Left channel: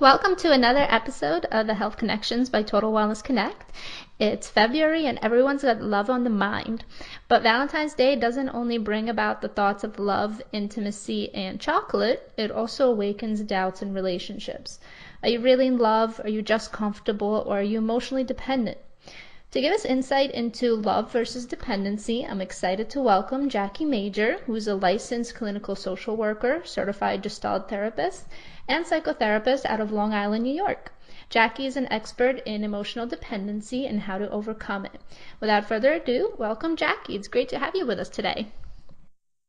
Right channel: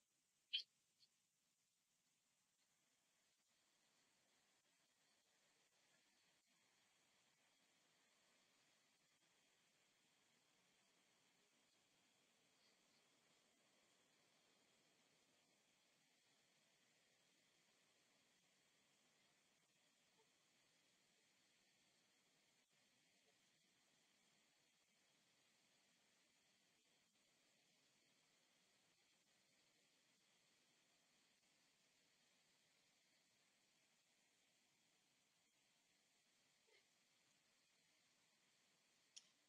Welcome to another episode of the Health Connections by Total Wellness Connect. It's February and everyone's got love on the mind. But Valentine's Day doesn't only bring about the thoughts of love, intimacy, and chocolate, it also awakens doubts in relationships. Are you really in love? Are you just comfortable? Or are you emotionally dependent? To give us insight into love versus dependency, I'm excited to welcome Jackie Major, who's a licensed clinical social worker, certified Gestalt therapist, and psychotherapist out of Long Island, New York. Jackie is an expert in emotional dependency and how to overcome it. Without further ado, welcome Jackie. It's great to have you with us today.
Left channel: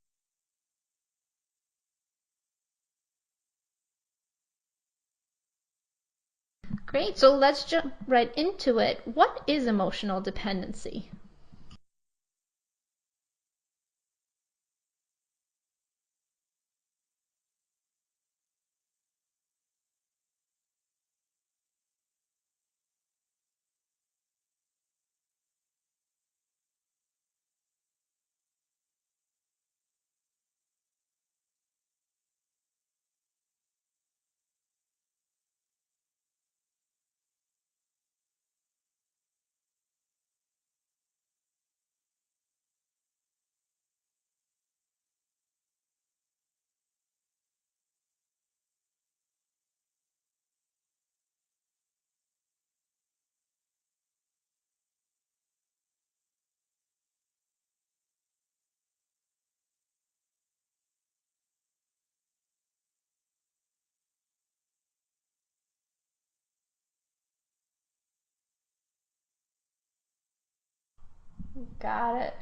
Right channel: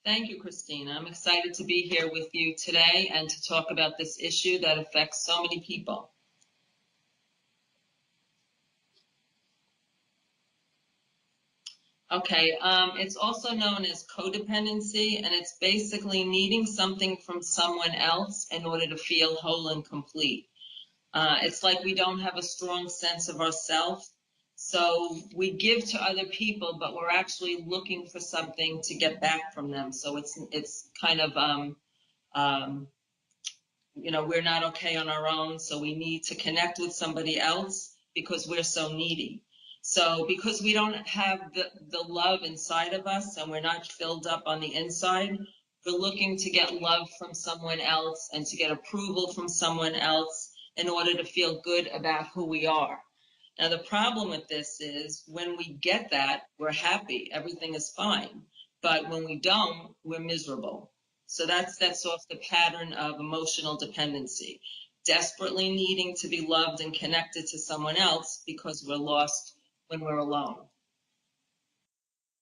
Thank you, Christina. I'm excited to be here with you today and to talk about this issue that affects so many people. Great. So let's jump right into it. What is emotional dependency? Okay, it's also known as codependency, and it's basically needing something from someone else in order to feel whole and complete. It's like we don't have a strong sense of ourselves, so we give to other people, but we're actually looking for something to get back from them. So it's kind of um, we're not okay on our own, so we need to connect with somebody else because we're so needy. So because we don't have the love inside of us and we're not filled up on the inside, we're looking to get love from someone else and to get approval from someone else in order to feel good about who we are. Now, the problem with this is when we get that, we're happy, everything is fine. But when we don't, we're miserable. So that's off the pattern of emotional dependency, desperately needing to be loved and connected to someone else because we're lost when we're alone. Got it.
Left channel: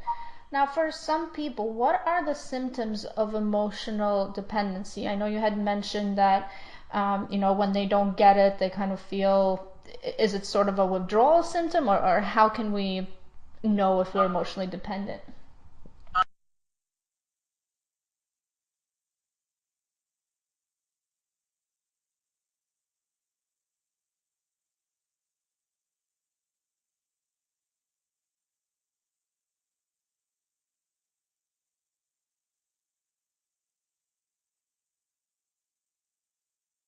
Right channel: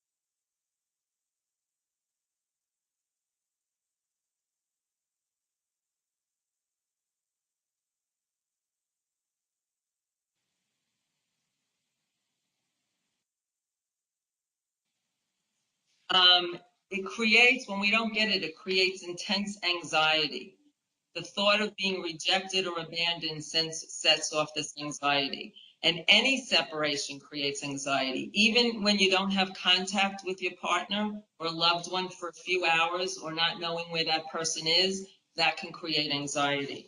Now, for some people, what are the symptoms of emotional dependency? I know you had mentioned that, when they don't get it, they kind of feel, is it sort of a withdrawal symptom, or how can we know if we're emotionally dependent? It creates, when we don't get it, it creates intense anxiety. The thought of being rejected or abandoned sets off this anxiety. And any separation creates anxiety. Even when you don't have contact with your partner or loved one for a few hours or not knowing where that person is, that can create anxiety.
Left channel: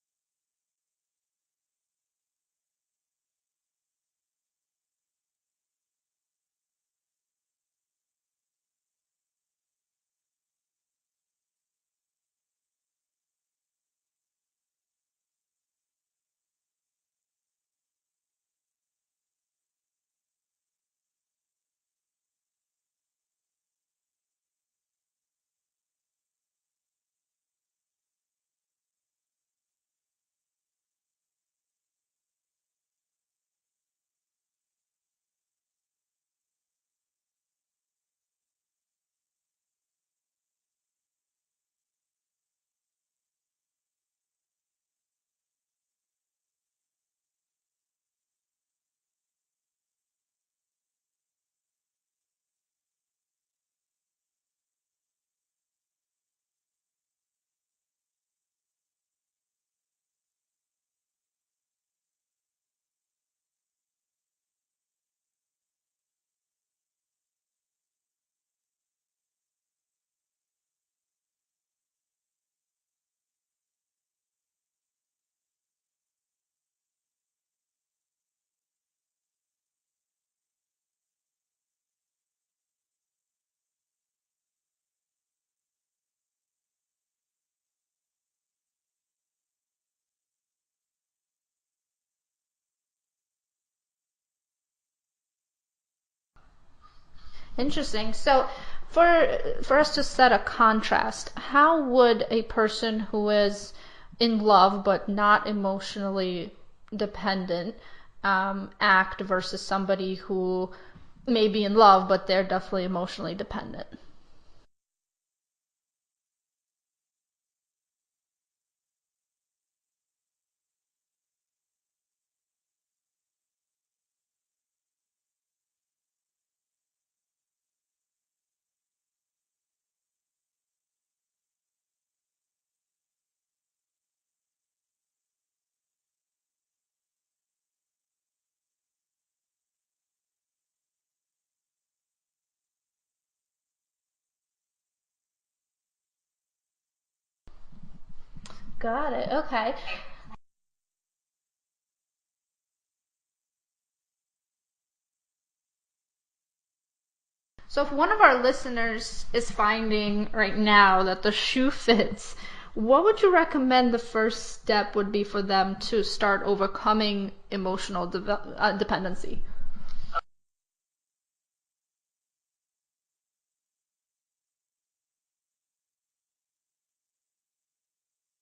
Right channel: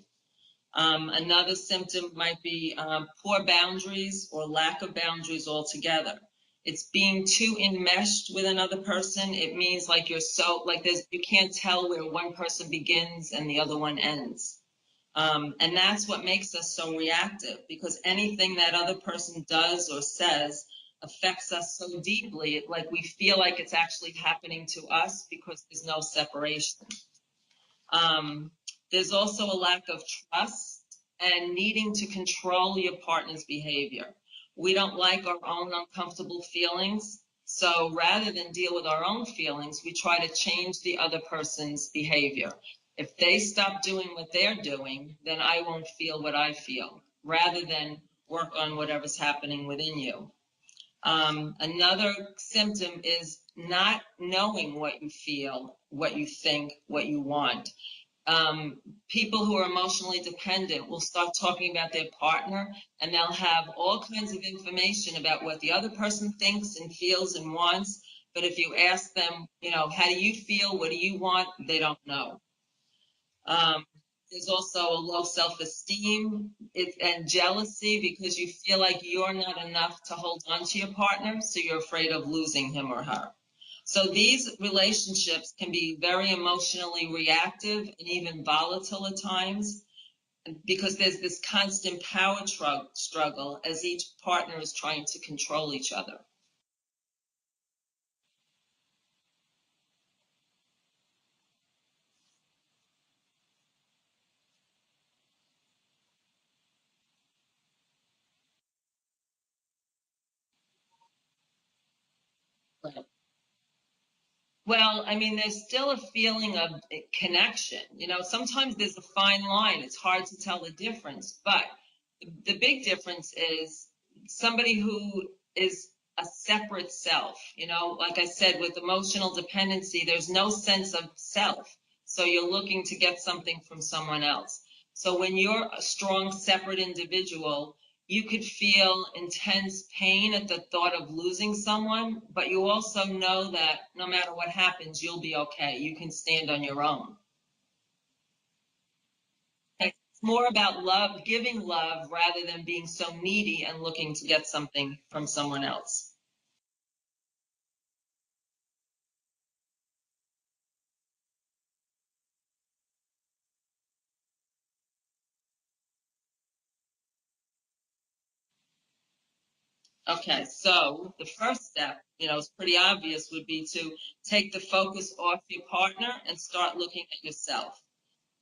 Another symptom might be poor boundaries or lack of boundaries altogether. It's being too enmeshed with another person. It means like you're so, like you can't tell where one person begins and the other one ends. And that's what makes us so reactive, because anything that other person does or says affects us so deeply, like we feel like it's actually happening to us because there's no separation. Um, there's also a lack of trust and needing to control your partner's behavior. We don't like our own uncomfortable feelings. So rather than deal with our own feelings, we try to change the other person's behavior. If they stop doing what they're doing, then I won't feel what I feel, rather than work on whatever's happening within you. Another symptom is not knowing what you feel, what you think, what you want. um, People who are emotionally dependent will start talking about their partner, and they'll have all kinds of information about what the other person thinks and feels and wants. But if you ask them, how do you feel? What do you want? They don't know. Um, there's also a low self-esteem and jealousy because you feel like you're not enough to hold on to your partner, so you're afraid of losing him or her. So these relationships can be very emotionally reactive and even volatile at times because there's this constant power struggle as each partner is trying to control each other. Interesting. So, for us to set a contrast, how would a person who is in love but not emotionally dependent act versus somebody who may be in love but they're definitely emotionally dependent? Well, I mean, there's still a feeling of connection. Sometimes there's a fine line. It's hard to tell the difference. But the big difference is somebody who is a separate self. Like I said, with emotional dependency, there's no sense of self. So you're looking to get something from someone else. So when you're a strong, separate individual, you could feel intense pain at the thought of losing someone, but you also know that no matter what happens, you'll be okay. You can stand on your own. Got it. Okay. More about love, giving love rather than being so needy and looking to get something from someone else. So, if one of our listeners is finding right now that the shoe fits, what would you recommend the first step would be for them to start overcoming emotional dependency? Okay, so the first step, is pretty obvious, would be to take the focus off your partner and start looking at yourself.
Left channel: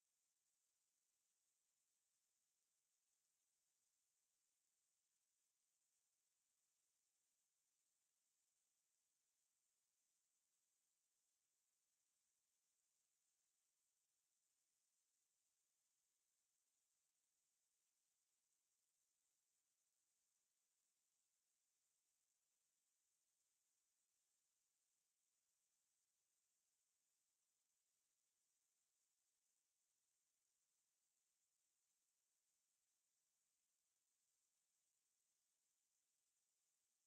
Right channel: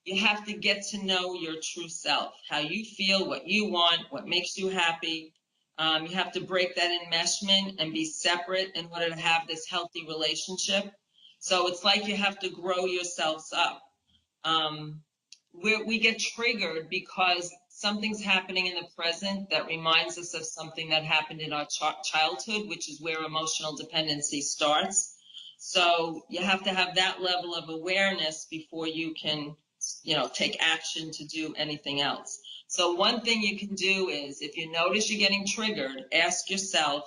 You have to get to know your true self, how you feel, what you want, what makes you happy. You have to break that enmeshment and be separate in order to have this healthy relationship. So it's like you have to grow yourselves up. um, we get triggered because something's happening in the present that reminds us of something that happened in our childhood, which is where emotional dependency starts. So you have to have that level of awareness before you can, take action to do anything else. So one thing you can do is, if you notice you're getting triggered, ask yourself,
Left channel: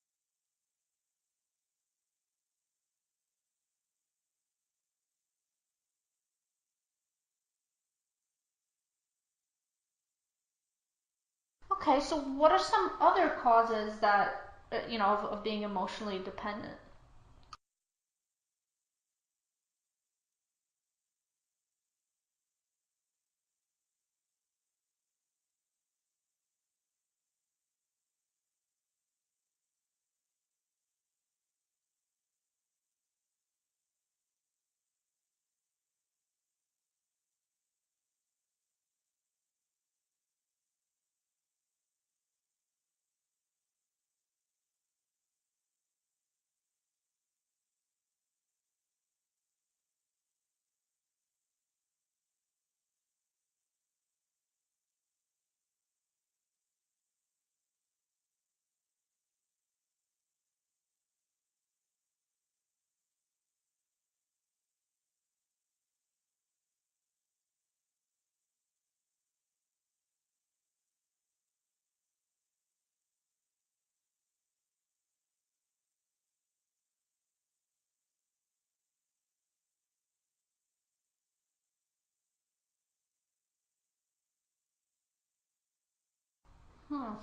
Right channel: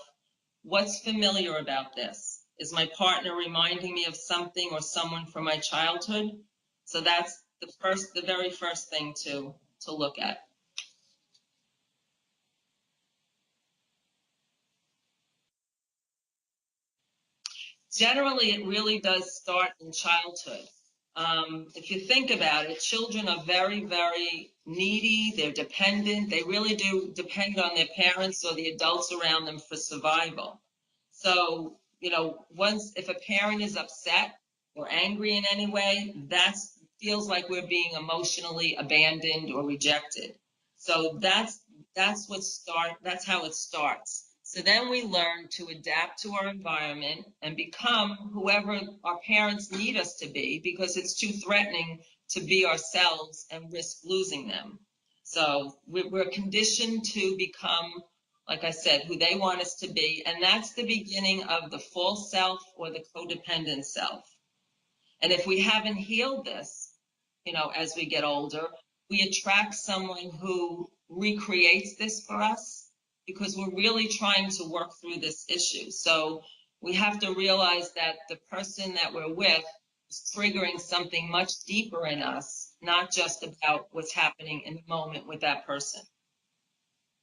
what's familiar about this? Is my partner reminding me of something or someone from my childhood? So that's the very first thing to look at. Okay, so what are some other causes that, of being emotionally dependent? Generally, it really does start in childhood. If you think about it, children are very, very needy. They're dependent. They really do depend on their parents or the adults around them for survival. So, once if a parent is upset or angry in any way, that feels like we're being emotionally abandoned or rejected. So that's how it starts. So then we learn to adapt to our environment and become whoever our parents need us to be, because it's too threatening to be ourselves and risk losing them. So we're conditioned to become, like I said, who they want us to be. And that's the beginning of the false self or the codependent self. And if we haven't healed this, as we get older, we attract someone who recreates this for us, because we're really trying to work through this issue. So we have to realize that the person that we're with is triggering something much deeper in us, not just about what's happening in the moment with that person. Hmm.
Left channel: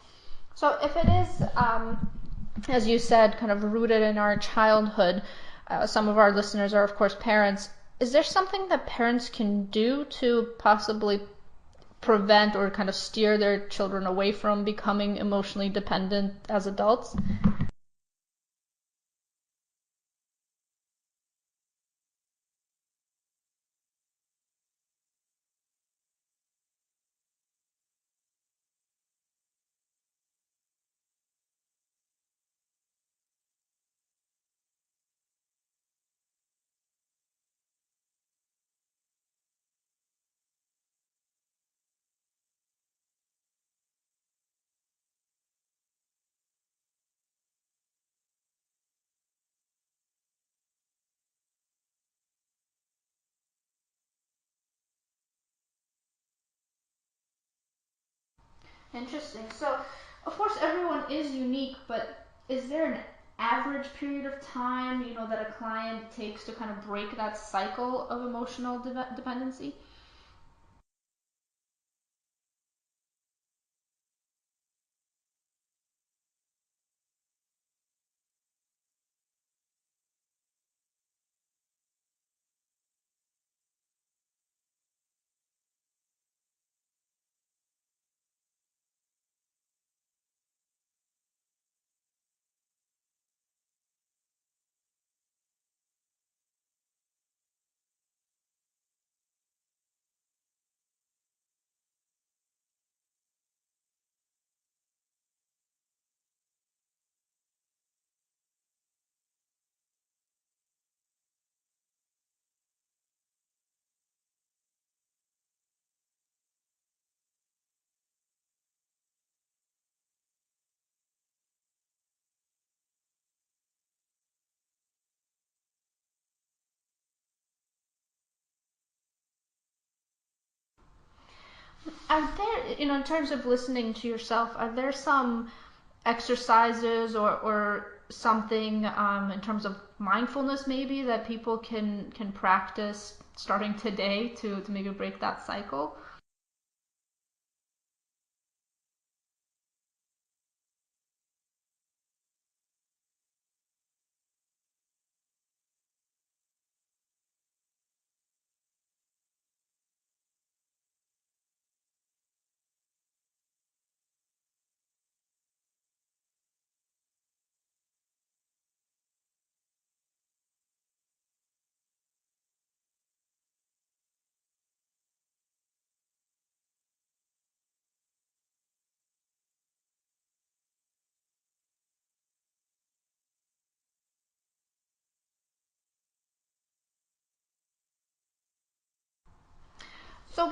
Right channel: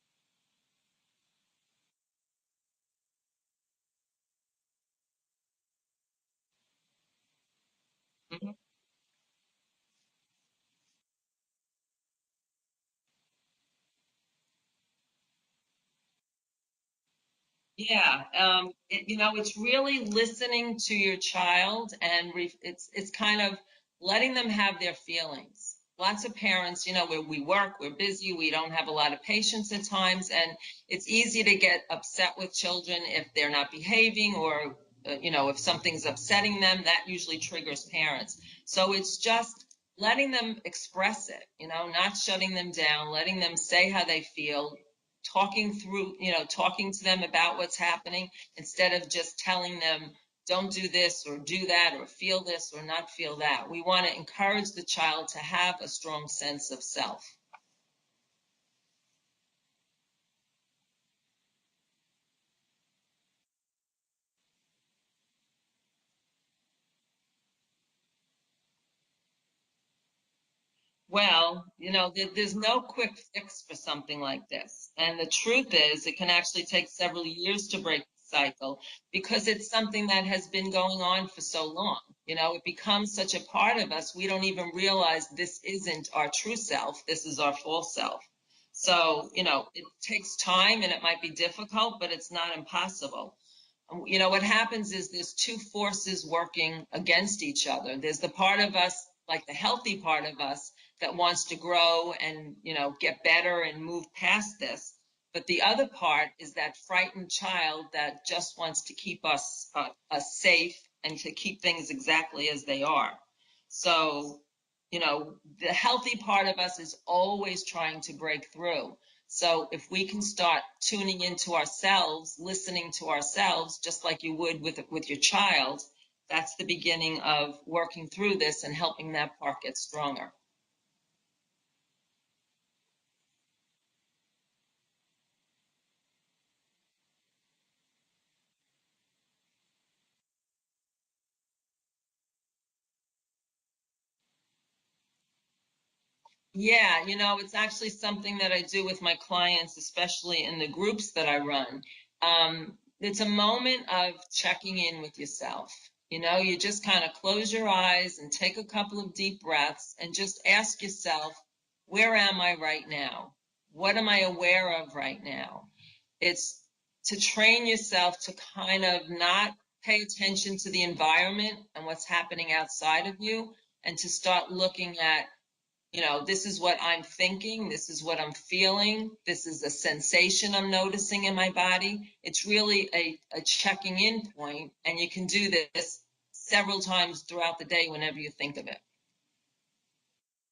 So, if it is, as you said, kind of rooted in our childhood, some of our listeners are, of course, parents. Is there something that parents can do to possibly prevent or kind of steer their children away from becoming emotionally dependent as adults? Yeah, it's really listening to your child, and it's kind of letting them have their feelings. Lots of parents, where we work, we're busy, we don't have a lot of patience at times, and it's easy to get upset with children if they're not behaving, or if something's upsetting them. That usually triggers parents. So it's just letting them express it, not shutting them down, letting them say how they feel, talking to them about what's happening, instead of just telling them, don't do this or do that or feel this or not feel that. We want to encourage the child to have a strong sense of self. Interesting. So, of course, everyone is unique, but is there an average period of time, that a client takes to kind of break that cycle of emotional dependency? Well, there's no quick fix for something like this. And the truth is, it can actually take several years to break the cycle, because it's something that has been going on for so long. It becomes such a part of us, we don't even realize this isn't our true self, this is our false self. So, it takes time and it might be difficult, but it's not impossible. What happens is there's two forces working against each other. There's the part of us, like the healthy part of us, that wants to grow and, get better and move past this. But the other part is that frightened child that just wants to keep us safe and to keep things exactly as they are. So, the healthy part of us is always trying to break through. So if we can start tuning into ourselves, listening to ourselves, just like you would with your child, that's the beginning of working through this and helping that part get stronger. Are there, in terms of listening to yourself, are there some exercises or something in terms of mindfulness maybe that people can practice starting today to maybe break that cycle? Yeah, it's actually something that I do with my clients, especially in the groups that I run. It's a moment of checking in with yourself. You just kind of close your eyes and take a couple of deep breaths and just ask yourself, where am I right now? What am I aware of right now? It's to train yourself to kind of not pay attention to the environment and what's happening outside of you, and to start looking at, this is what I'm thinking, this is what I'm feeling, this is a sensation I'm noticing in my body. It's really a checking in point, and you can do this several times throughout the day whenever you think of it. So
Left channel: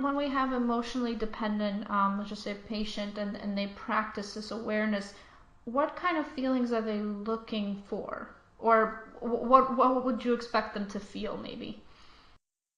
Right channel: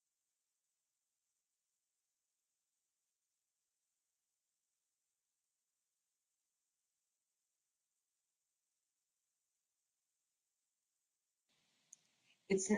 when we have emotionally dependent, let's just say patient, and they practice this awareness, what kind of feelings are they looking for, or what would you expect them to feel, maybe? It's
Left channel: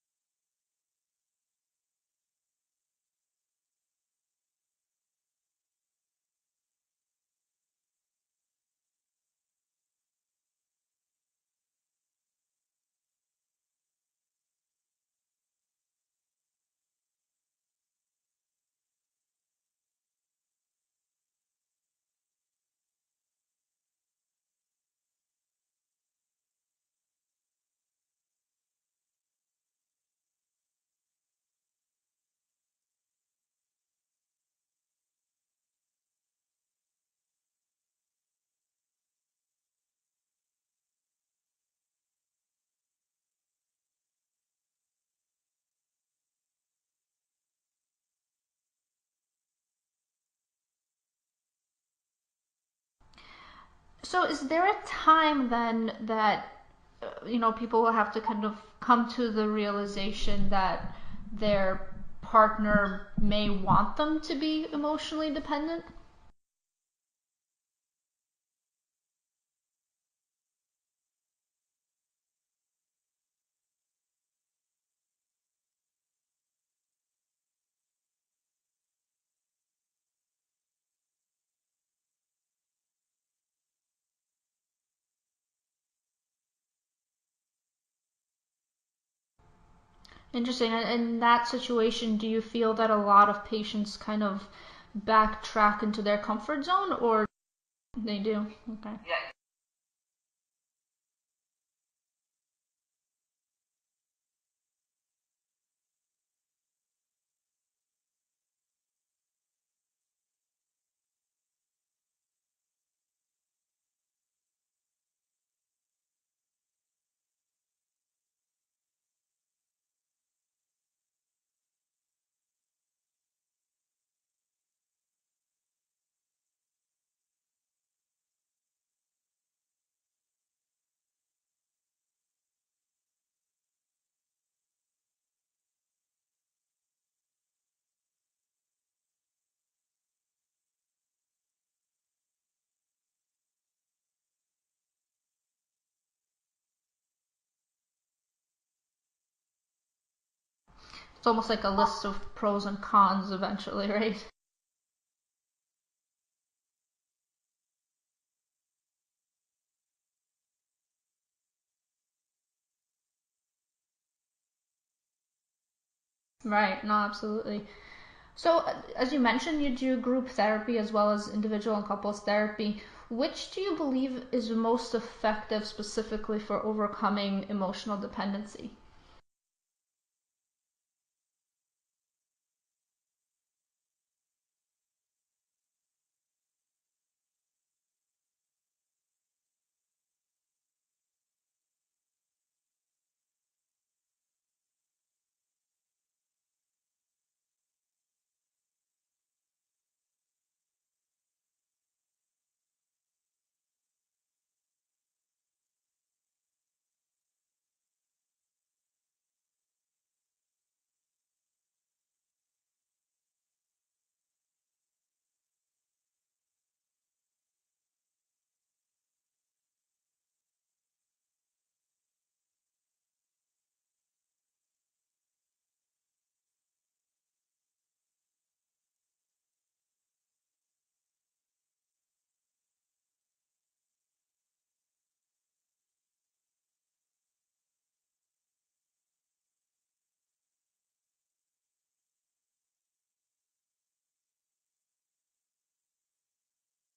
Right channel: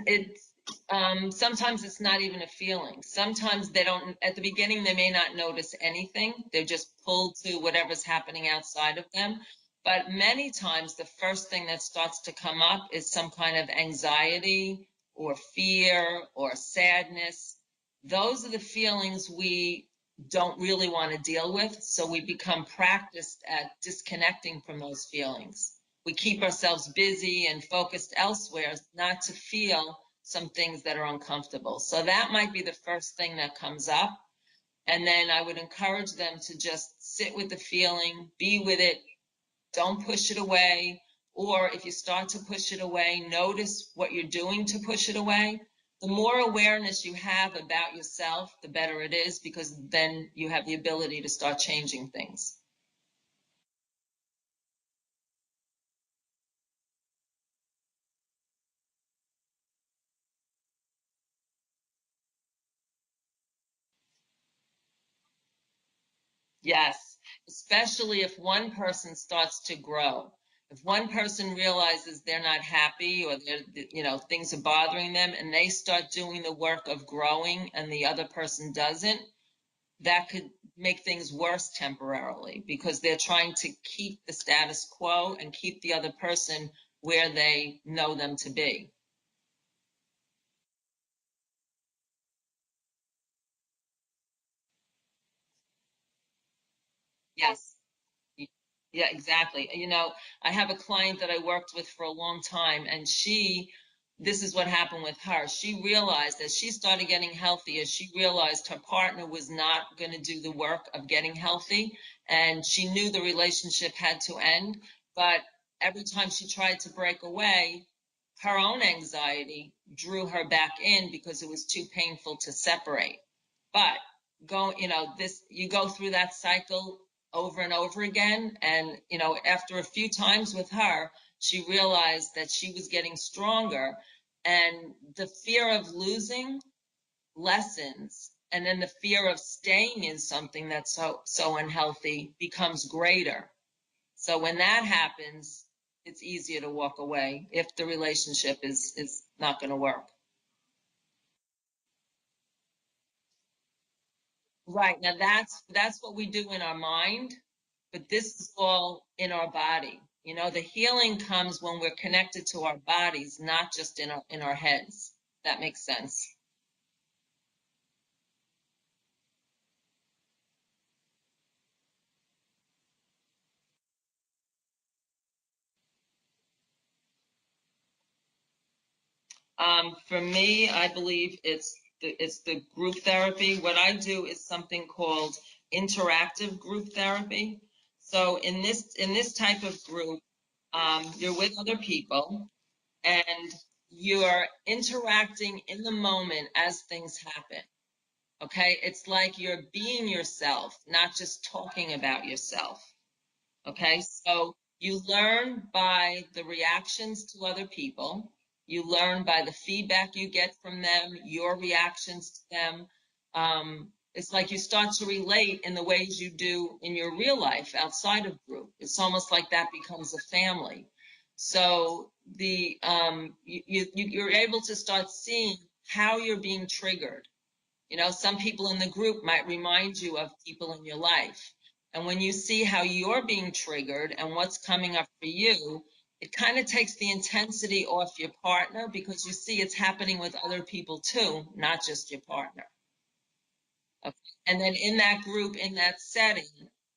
sometimes it's not even a feeling. Sometimes they don't, at the beginning they may not notice anything. They're just pulled to whatever's happening outside of them. But many times the first thing that starts to come up is some kind of anxiety or fear or sadness. Those are the feelings we don't really want to deal with, so we become practiced at disconnecting from those feelings. We keep ourselves busy and focused elsewhere, not to feel some things that are uncomfortable. So that might be the first thing that comes up. And then I would encourage them to just sit with the feeling, be with it, don't push it away. Or if you start to push it away, notice what you're doing to push it away. The more awareness you have about yourself, the better it is, because then you have the ability to start changing things. So is there a time then that people will have to kind of come to the realization that their partner may want them to be emotionally dependent? Yes, especially if one person starts to grow. If one person realizes they're not happy, or things are bothering them, and they start doing the work of growing and the other person doesn't, that could make things worse temporarily, because they're trying to keep the status quo and keep the other person where they know them to be. Interesting. In that situation, do you feel that a lot of patients kind of backtrack into their comfort zone, or Yes. they do? Okay. Yeah, exactly. I have a client that I worked with for a long time, and this is what happened with her. She realized, as she started getting healthy, as she realized her partner was not going to do the work of getting healthy, and she knew the relationship had to end. But every time she tried to break away, her own anxiety drew her back in, because it was too painful to separate. But you go through that cycle over and over again. And, after a few times with her, she realized that she was getting stronger, and the fear of losing lessens. And then the fear of staying in something that's so unhealthy becomes greater. So when that happens, it's easier to walk away if the relationship is not going to work. It's almost like a list of pros and cons eventually, right? Right. Now that's what we do in our mind, but this is all in our body. The healing comes when we're connected to our bodies, not just in our heads. That makes sense. Right. No, absolutely. So, as you mentioned, you do group therapy as well as individual and couples therapy. Which do you believe is most effective specifically for overcoming emotional dependency? For me, I believe it's the group therapy. What I do is something called interactive group therapy. So in this type of group, you're with other people, and you're interacting in the moment as things happen. Okay, it's like you're being yourself, not just talking about yourself. Okay, so you learn by the reactions to other people. You learn by the feedback you get from them, your reactions to them. It's like you start to relate in the ways you do in your real life outside of group. It's almost like that becomes a family. So you're able to start seeing how you're being triggered. Some people in the group might remind you of people in your life. And when you see how you're being triggered and what's coming up for you, it kind of takes the intensity off your partner because you see it's happening with other people too, not just your partner. Okay. And then in that group, in that setting,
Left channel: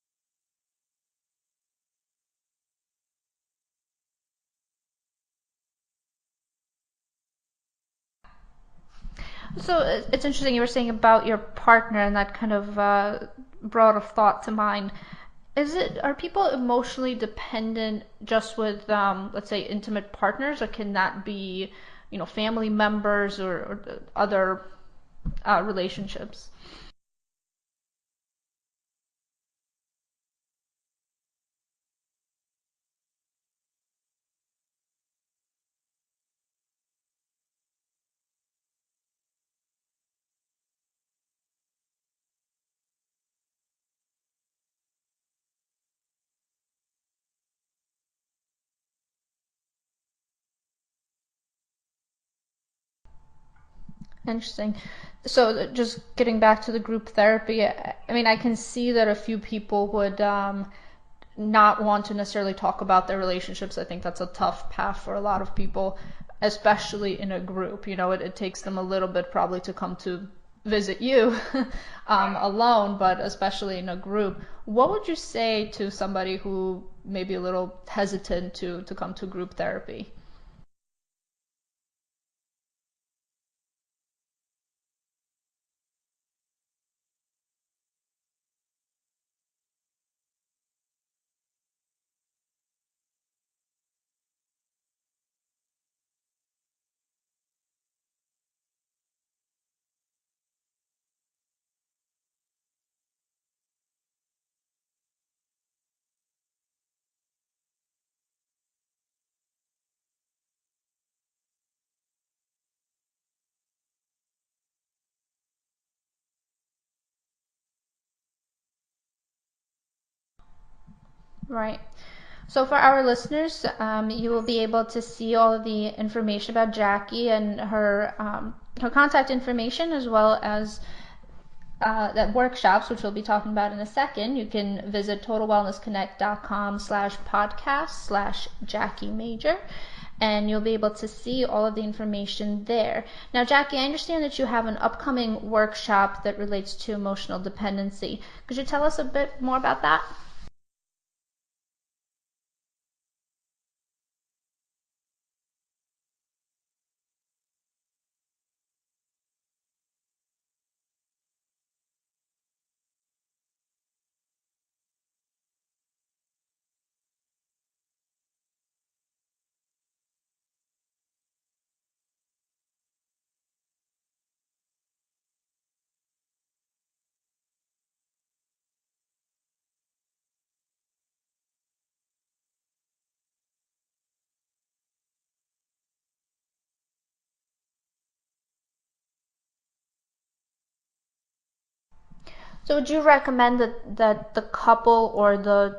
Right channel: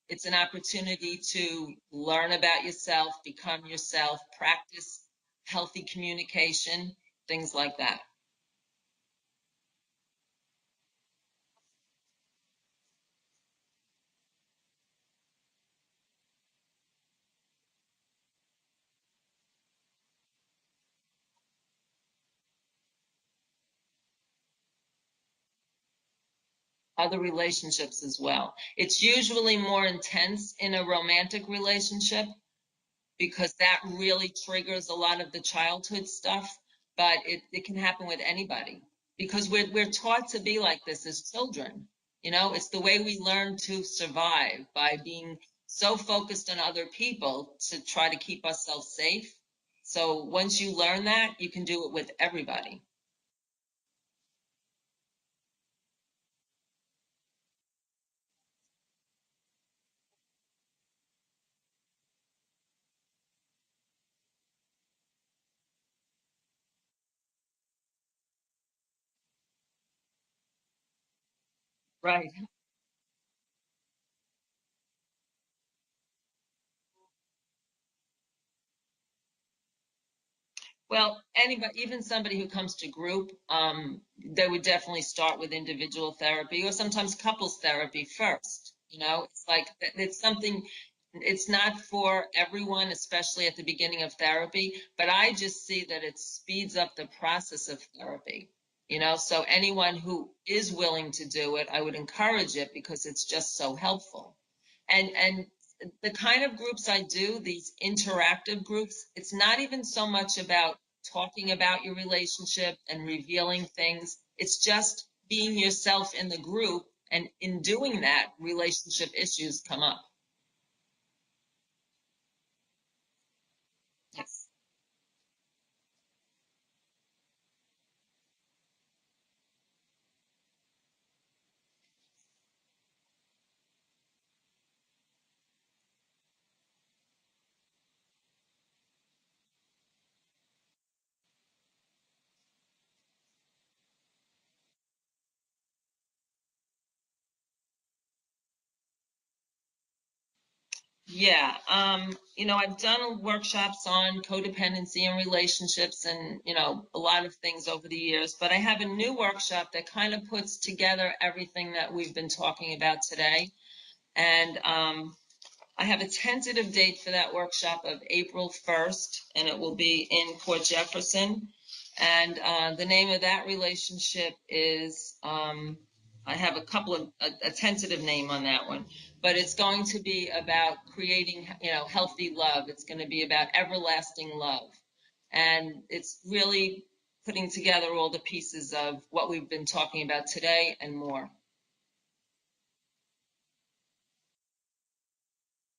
it's an opportunity to learn about yourself, become yourself, practice healthy communication, things like that. So it's interesting you were saying about your partner, and that kind of brought a thought to mind. Are people emotionally dependent just with, let's say, intimate partners, or can that be, family members or other relationships? Other relationships as well. It's usually more intense in a romantic relationship because that really triggers a lot of the childhood stuff, but it can happen with anybody because we're taught to be like this as children. It's the way we learn to survive by being so focused on other people to try to keep ourselves safe. So once you learn that, you can do it with everybody. Interesting. So just getting back to the group therapy, I mean, I can see that a few people would not want to necessarily talk about their relationships. I think that's a tough path for a lot of people, especially in a group. It takes them a little bit probably to come to visit you Right. alone, but especially in a group. What would you say to somebody who may be a little hesitant to come to group therapy? Well, anybody, even somebody who comes to group, they would definitely start with individual therapy or sometimes couples therapy first. It's like it's something, it's not for everyone, especially at the beginning of therapy, but I just see that it speeds up the process of therapy. So anyone who is willing to do it, I would encourage it because it's just so helpful. And the kind of groups I do, these interactive groups, it's not even so much about talking about your relationship and revealing things. It's just being yourself in the group. And in doing that, relationship issues come up. Right. So for our listeners, you will be able to see all of the information about Jackie and her contact information, as well as that workshops, which we'll be talking about in a second. You can visit totalwellnessconnect.com/podcast/Jackie Major, and you'll be able to see all of the information there. Now, Jackie, I understand that you have an upcoming workshop that relates to emotional dependency. Could you tell us a bit more about that? Yeah, I've done workshops on codependency and relationships and, a lot of things over the years, but I have a new workshop that kind of puts together everything that we've been talking about today. And I have a tentative date for that workshop of April 1st, and it will be in Port Jefferson. And the name of that relationship is, I have a tentative name on that one, but it's going to be about creating, healthy love. It's going to be about everlasting love. And it's really putting together all the pieces of what we've been talking about today and more. So would you recommend that the couple or the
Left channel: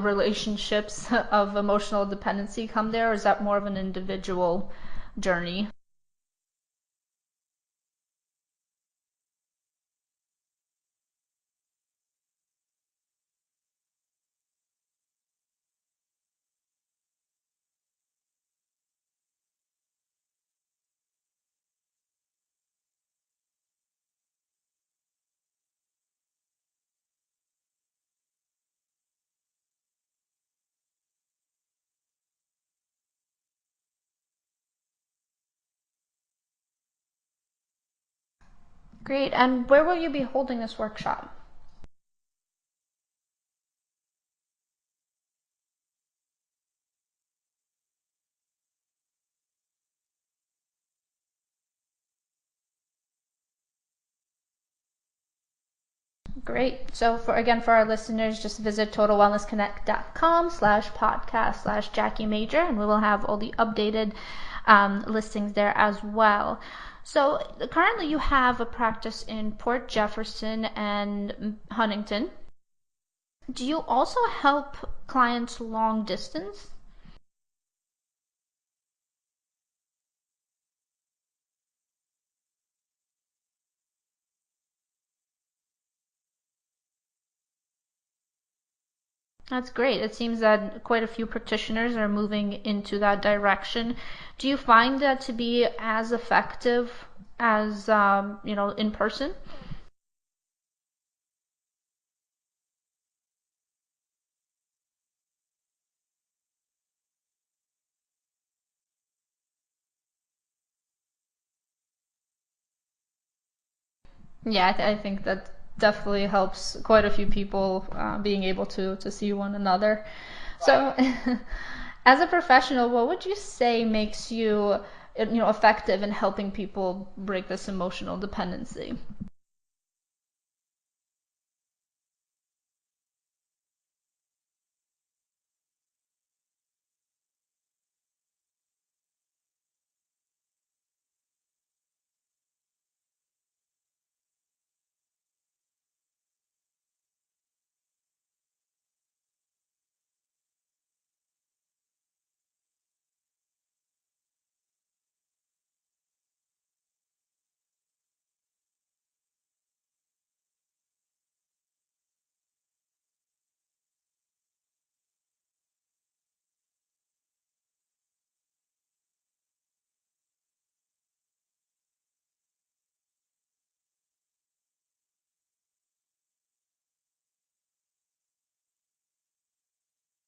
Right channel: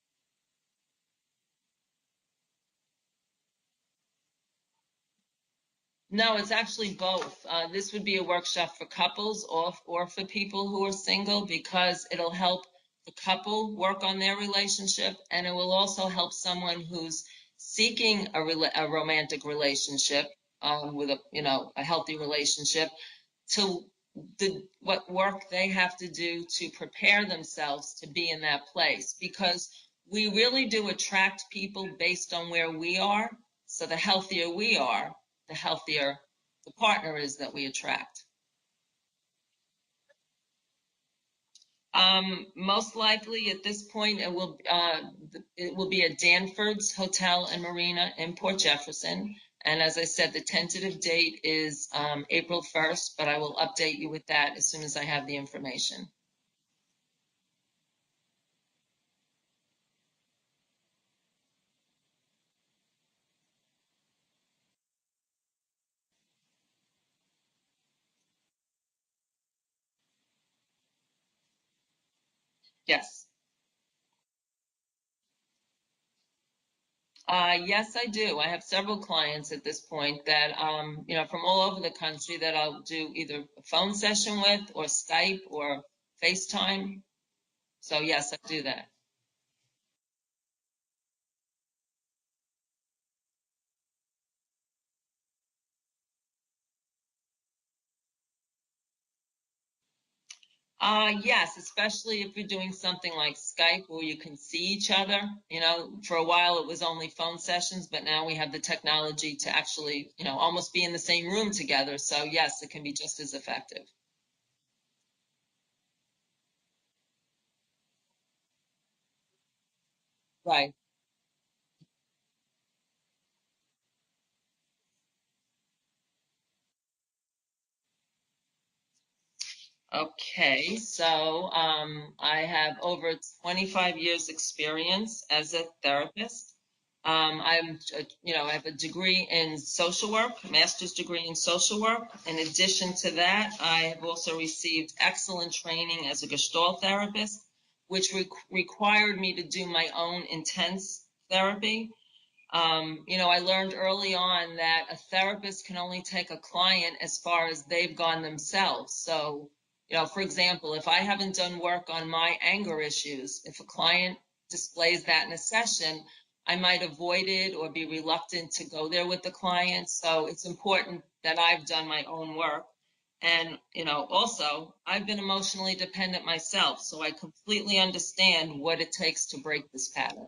relationships of emotional dependency come there, or is that more of an individual journey? No, it's actually both. This would be a workshop for couples or for people who are single because it'll help the couple work on their relationship, and it will also help someone who's seeking a romantic relationship, with a healthy relationship, to what work they have to do to prepare themselves to be in that place, because we really do attract people based on where we are. So the healthier we are, the healthier the partner is that we attract. Great. And where will you be holding this workshop? Most likely at this point, it will be at Danford's Hotel and Marina in Port Jefferson. And as I said, the tentative date is April 1st, but I will update you with that as soon as I have the information. Great. So for our listeners, just visit totalwellnessconnect.com/podcast/Jackie Major, and we will have all the updated listings there as well. So currently you have a practice in Port Jefferson and Huntington. Yes. Do you also help clients long distance? Yes, I do. I have several clients at this point that, from all over the country that I'll do either a phone session with or Skype or FaceTime. So yes, I do that. That's great. It seems that quite a few practitioners are moving into that direction. Do you find that to be as effective as, in person? Yes, especially if you're doing something like Skype where you can see each other. For a while it was only phone sessions, but now we have the technology to actually, almost be in the same room together. So yes, it can be just as effective. Yeah, I think that definitely helps quite a few people being able to see one another. Right. So, as a professional, what would you say makes you, effective in helping people break this emotional dependency? Okay, so I have over 25 years experience as a therapist. I have a degree in social work, master's degree in social work. In addition to that, I have also received excellent training as a Gestalt therapist, which required me to do my own intense therapy. I learned early on that a therapist can only take a client as far as they've gone themselves. So, for example, if I haven't done work on my anger issues, if a client displays that in a session, I might avoid it or be reluctant to go there with the client. So it's important that I've done my own work. And, also, I've been emotionally dependent myself, so I completely understand what it takes to break this pattern.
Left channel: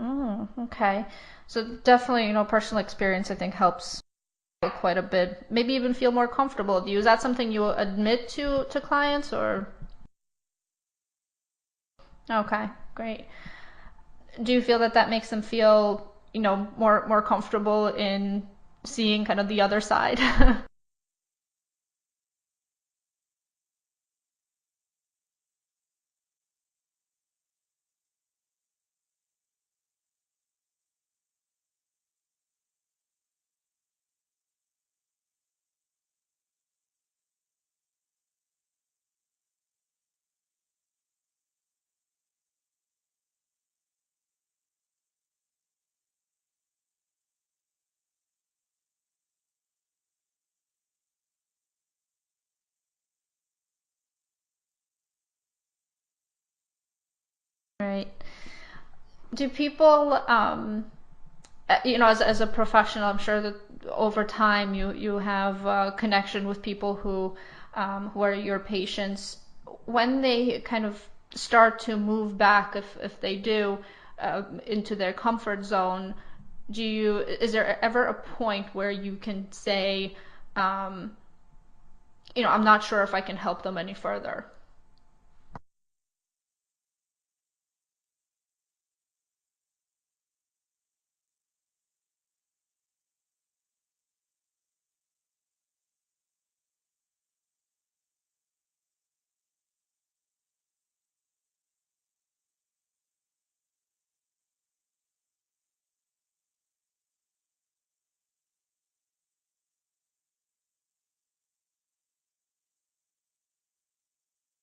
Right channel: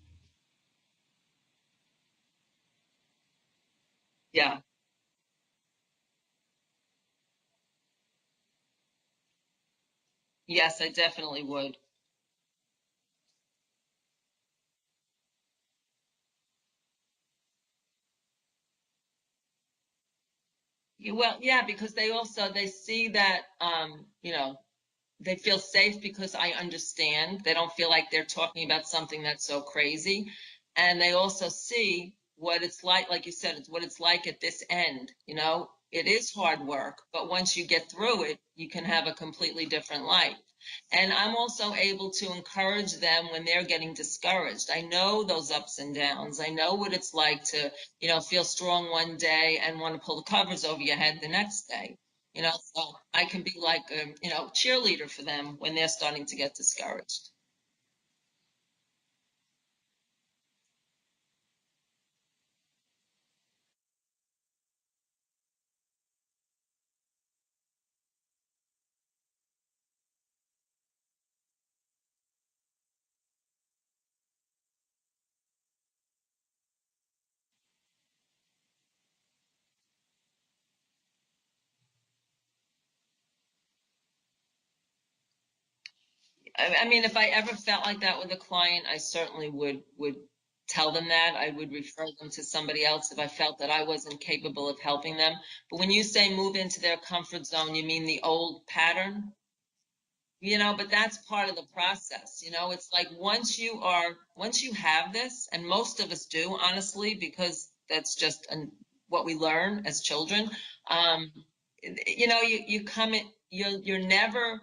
Oh, okay. So definitely, personal experience I think helps Yeah. quite a bit. Maybe even feel more comfortable with you. Is that something you admit to clients or? Yes, I definitely would. Okay, great. Do you feel that that makes them feel, more comfortable in seeing kind of the other side? Well, yeah, because they see that they feel safe because I understand. They don't feel like they're talking about something that's so crazy. And they also see what it's like you said, it's what it's like at this end. It is hard work, but once you get through it, you can have a completely different life. And I'm also able to encourage them when they're getting discouraged. I know those ups and downs. I know what it's like to, feel strong one day and want to pull the covers over your head the next day. So I can be like a, cheerleader for them when they're starting to get discouraged. Right. Do people, as a professional, I'm sure that over time you have a connection with people who are your patients. When they kind of start to move back, if they do, into their comfort zone, is there ever a point where you can say, um, I'm not sure if I can help them any further? I mean, if I ever felt like that with a client, I certainly would tell them that. I would refer them to somebody else if I felt that I wasn't capable of helping them. But when you say move into their comfort zone, you mean the old pattern? But that's part of the process. It's like once you have this, and most of us do, honestly, because that's just what we learn as children. um you come in, you're never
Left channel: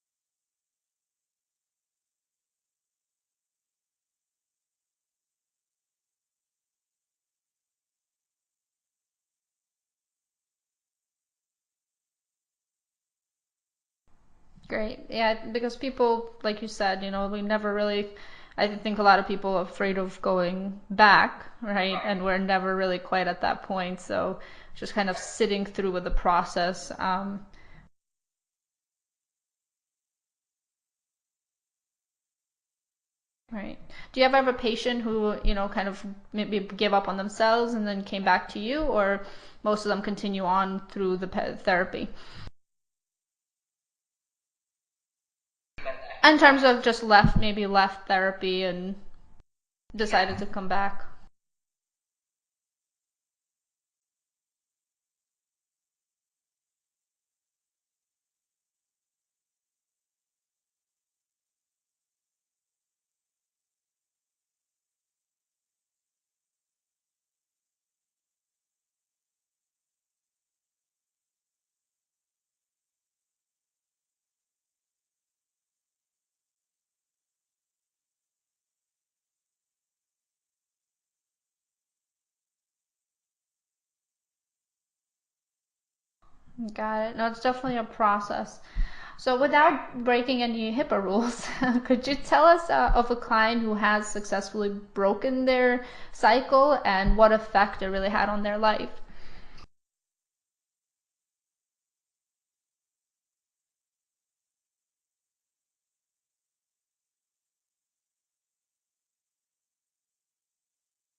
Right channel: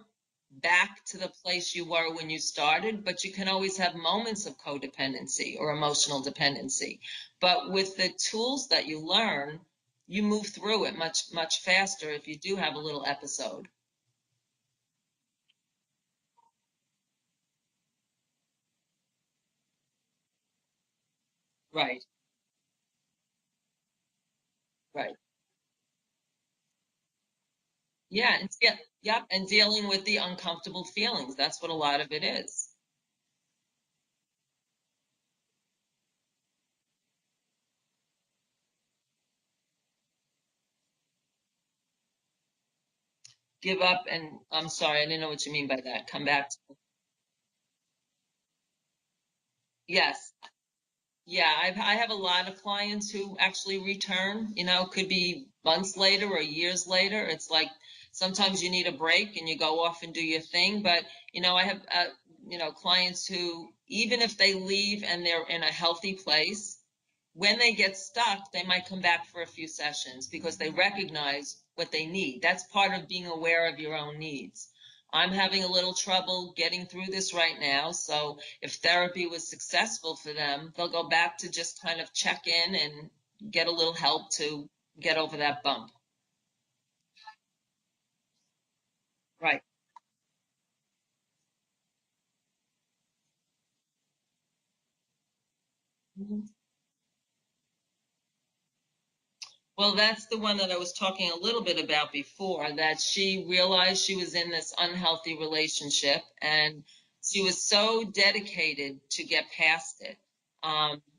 back to the place you were when you started, but you can always have moments of codependency or emotional dependency. But with the tools that you learn, you move through it much much faster if you do have a little episode. Great. Yeah, because people, like you said, we never really, I think a lot of people are afraid of going back, right? Right. And we're never really quite at that point. So just kind of Right. sitting through with the process. Yeah, and yep, and dealing with the uncomfortable feelings. That's what a lot of it is. Right. Do you ever have a patient who, kind of maybe give up on themselves and then came back to you, or most of them continue on through the therapy? Give up and I'm sorry, I didn't know what you mean by that. Come In back to terms of just maybe left therapy and yes. decided to come back. Yeah, I have a lot of clients who actually return, could be months later or years later. It's like sometimes you need a break and you go off and do your thing. But, I have, clients who, even if they leave and they're in a healthy place, when they get stuck, they might come back for a few sessions because they recognize what they need. That's part of being aware of your own needs. I'm having a little trouble getting through this right now. So if therapy was successful for them, they'll go back to just kind of check in and get a little help to get over that bump. Got it. No, it's definitely a process. So, Right. without breaking any HIPAA rules, could you tell us of a client who has successfully broken their cycle and what effect it really had on their life? Well, that's the one that I was talking a little bit about before, that she realized she was in this unhealthy relationship and she was so dedicated to get past it.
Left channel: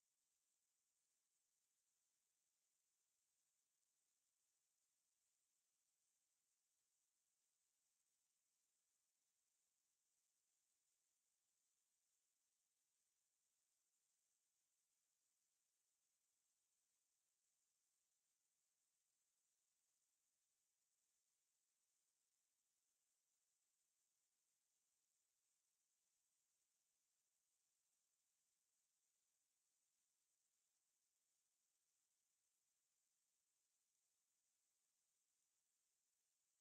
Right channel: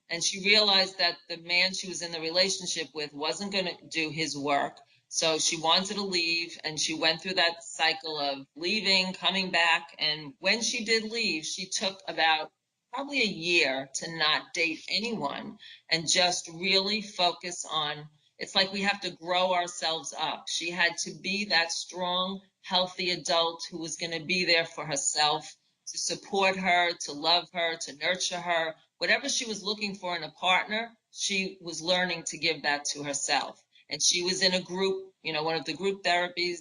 And she realized that the man she was in the relationship with wasn't going to do his work. So she wanted to leave, and she went through that cycle of leaving, coming back. And when she did leave, she took about probably a year to not date anyone and just really focus on, it's like we have to grow ourselves up. She had to be that strong, healthy adult who was going to be there for herself, to support her, to love her, to nurture her. Whatever she was looking for in a partner, she was learning to give that to herself. And she was in a group, one of the group therapies,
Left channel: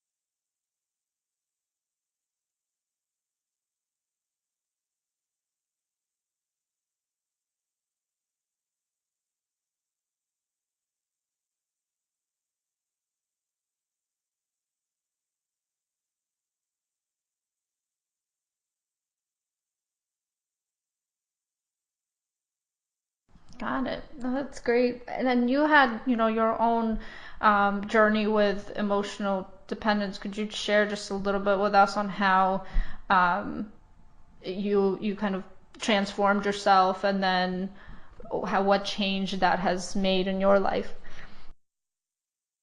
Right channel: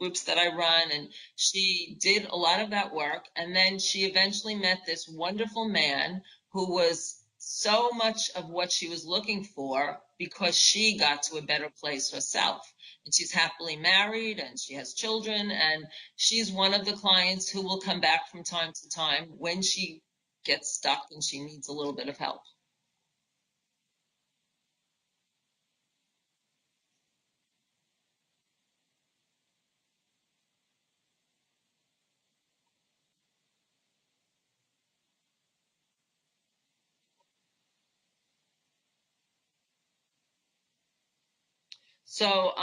groups that I run, and she did a lot of that work. And then she eventually met this wonderful man who was so much of what she was looking for because she got to a better place herself. And she's happily married and she has children. And she's one of the clients who will come back from time to time when she gets stuck and she needs a little bit of help. Got it. No, that's great. And then you had, your own journey with emotional dependence. Could you share just a little bit with us on how um, you kind of transformed yourself, and then how what change that has made in your life? So,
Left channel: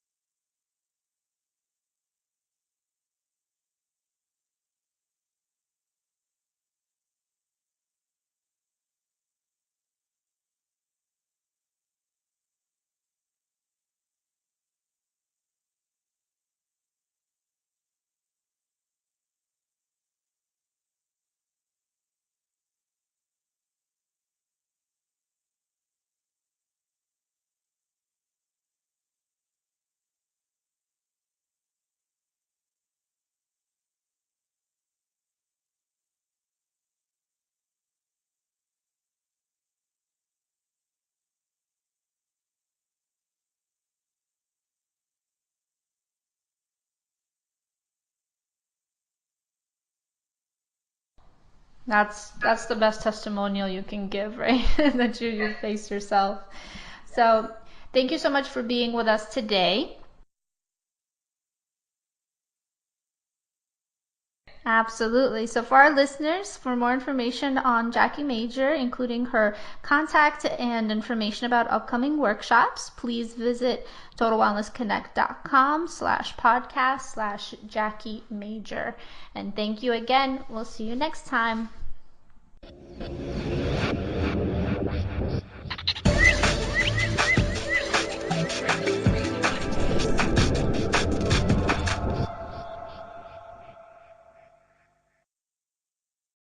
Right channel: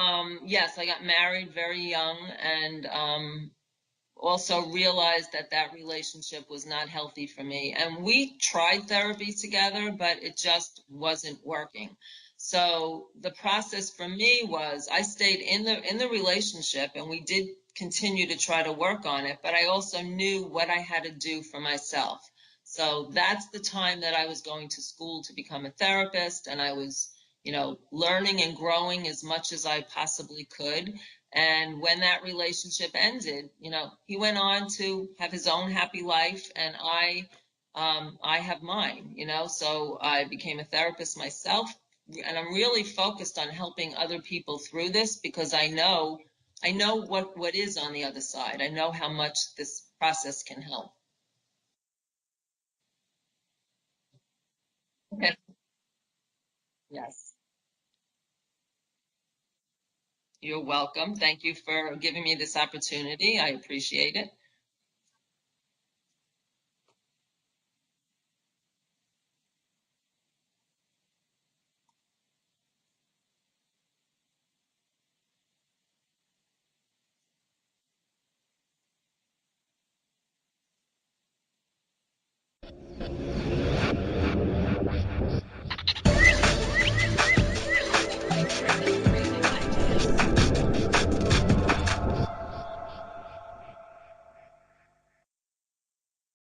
yes, I got married very young, and also realized that that relationship was not healthy for me. And we tried therapy together, but it just wasn't working. So the process for me was, I stayed in the relationship, and we did continue to try to work on it, but I also knew what I had to do for myself. So that's the time that I was going to school to become a therapist, and I was, learning and growing as much as I possibly could. And when that relationship ended, he went on to have his own happy life, and I have mine. So I became a therapist myself, and I'm really focused on helping other people through this because I know what is on the other side. I know how much this process can help. That's the best testimonial you can give, right? That you faced yourself. Yes. So, thank you so much for being with us today. You're welcome. Thank you for giving me this opportunity. I appreciate it. Absolutely. So, for our listeners, for more information on Jackie Major, including her contact and information about upcoming workshops, please visit totalwellnessconnect.com/podcast/Jackie Major. And thank you again. We'll see you next time.